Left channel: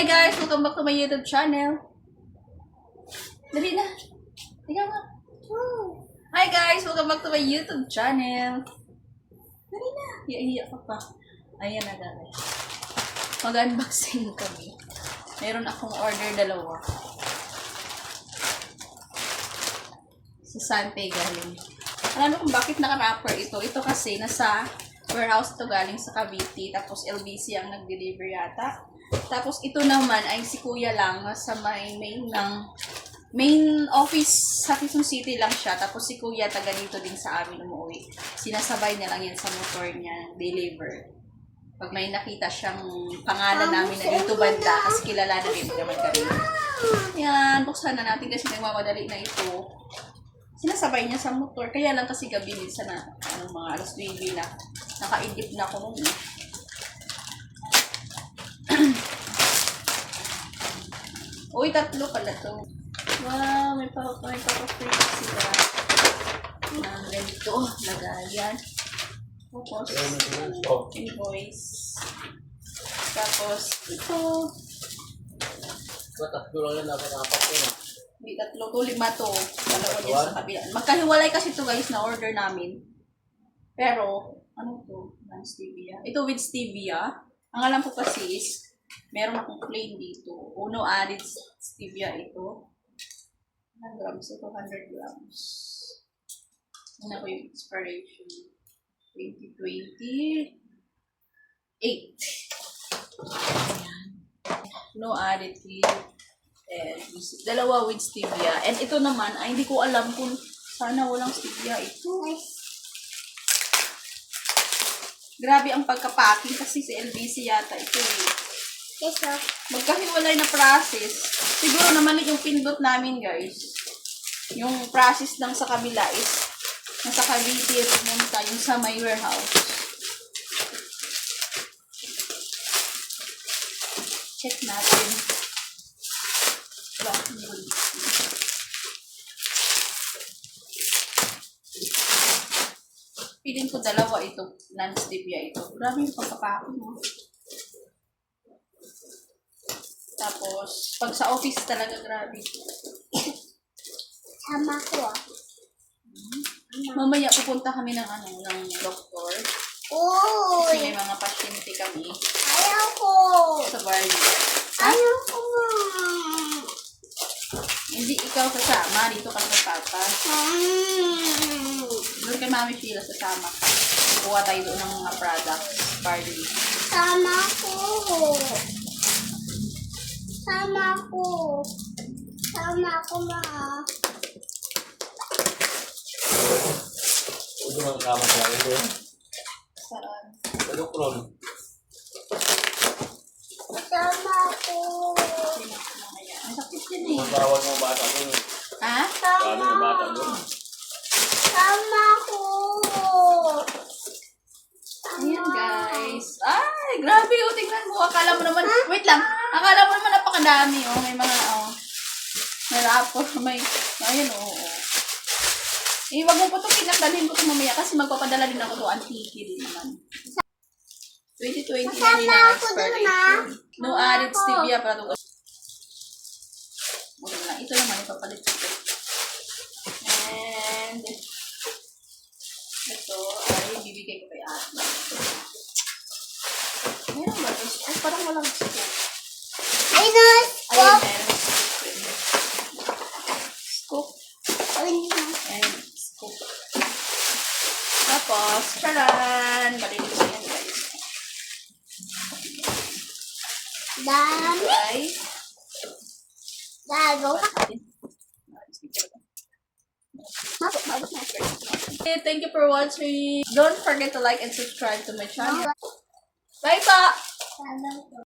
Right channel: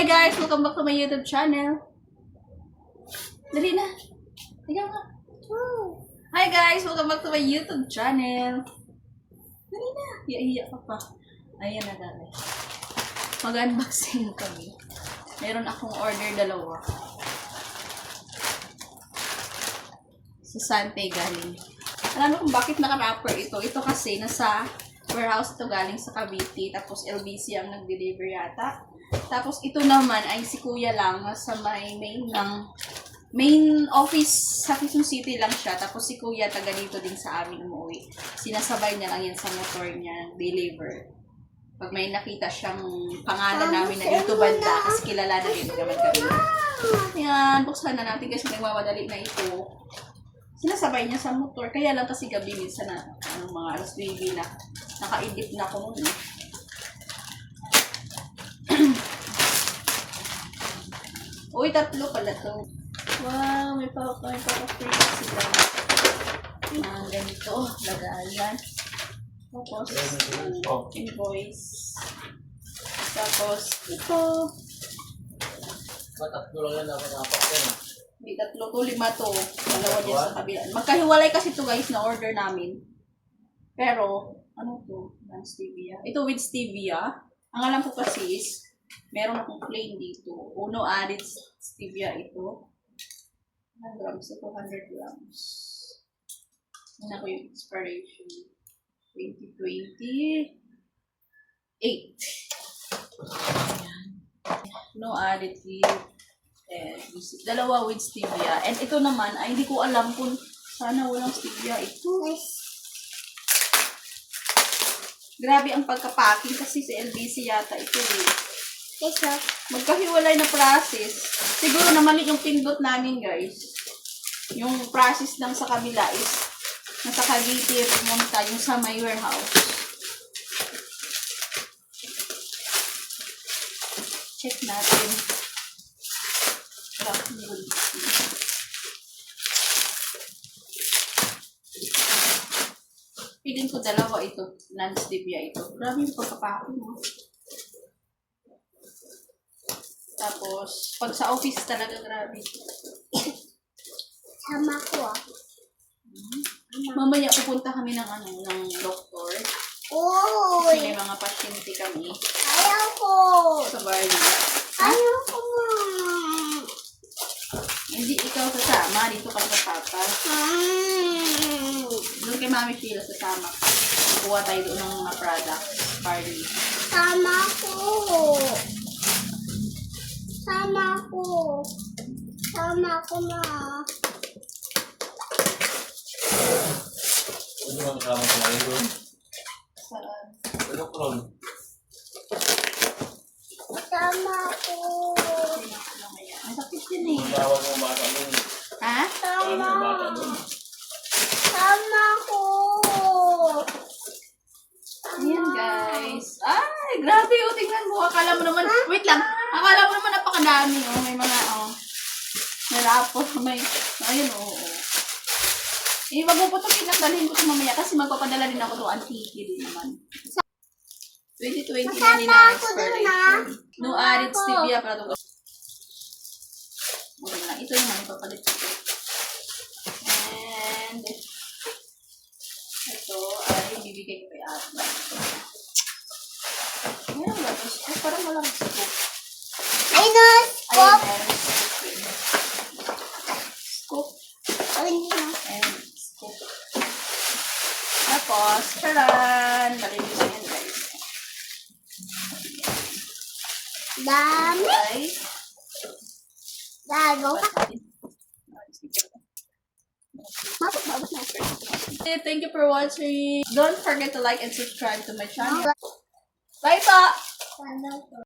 Hi guys! Welcome back to my YouTube channel. Dali na. Ikaw nga. Hi guys! Welcome back to my YouTube channel. Dali na. Iiyak ka pa. Ayan na guys. Mag-unboxing kami. Meron akong order dalawa. Sa Sante galing. Alam mo kung bakit naka-wrapper ito? Ito kasi nasa warehouse ito galing sa Cavite. Tapos LBC ang nag-deliver yata. Tapos ito naman ay si Kuya lang sa may main office sa Quezon City lang siya. Tapos si Kuya taga dito din sa amin umuwi. Sinasabay niya lang yan sa motor niya, deliver. Pag may nakita siyang pangalan namin na dito banda, kasi kilala na din naman kami. Yan, buksan na natin kasi nagmamadali na ito. Sinasabay niya sa motor. Kaya lang kasi gabi minsan na mga alas 9 na nakaidip na ako noon. Uy, tatlo pala to. Wow, may pa-free sila. Ganito, lagayan. Tapos, invoice. Tapos, ito. Tatlo lang yan, apat yan. Hindi, tatlo to, 5 to. Dalawa dyan sa kabila. Magkahiwalay kasi to guys, na order namin. Pero, ano to? Non-stevia. Ito with stevia. Ang alam ko kasi is, meron akong plain dito. Uno added stevia ito. 100 grams ito, 100 grams. Ano ko yung expiration? 2028. Ayan. No additive. And dalawa with stevia. And ito naman, ay hindi ko alam kung sana walang stevia ito. Grabe ang pagka-packing kasi si LBC yata ito eh. Magkahiwalay na process. Siguro naman yung pindot namin guys. Yung process lang sa kabila is nasa Cavite pumunta yung sa my warehouse. Check natin. Piling ko dalawa ito. Non-stevia ito. Grabe yung pagkapako mo. Tapos, pag sa office talaga, grabe. Sama ko Mamaya pupunta kami ng doktor. Uy! Kasi may mga pasyente kami. Ayaw ko! Sa Bali. Ayaw ko nga! Hindi ikaw sasama. Dito ka sa papa. Doon kay Mami Sheila sasama. Kuha tayo doon ng mga products. Bali. Sama ko! Sama ko! Sama ko na! Ito ang kama ko ngayon. Saan? Ito kron. Sama ko! Mamaya. Ang sakit din eh. Magawal mo bata doon. Ha? Paano Sama! mo bata doon? Sama ko! Ayan guys. Ay, grabe oh. Tingnan mo. Akala mo naman, wait lang. Akala mo naman napakadami oh. May mga may rapor. Ayun oh. Wag mo po ito pinagdalhin ko ito mamaya kasi magpapadala din ako ito. Antiki din naman. 2020 na din na expiration. No added stevia para ito. Okay lang. Ito naman ipapalit ko. And ito ay bibigay ko kay ate. Meron ba ito? Ay, parang walang scoop. Ay, no! Ayun, meron scoop. And scoop. Tapos, charan! Malinis na yan, guys. Dami! Ay, Lalo! thank you for watching. Don't forget to like and subscribe to my channel. Bye pa! Lalo ko.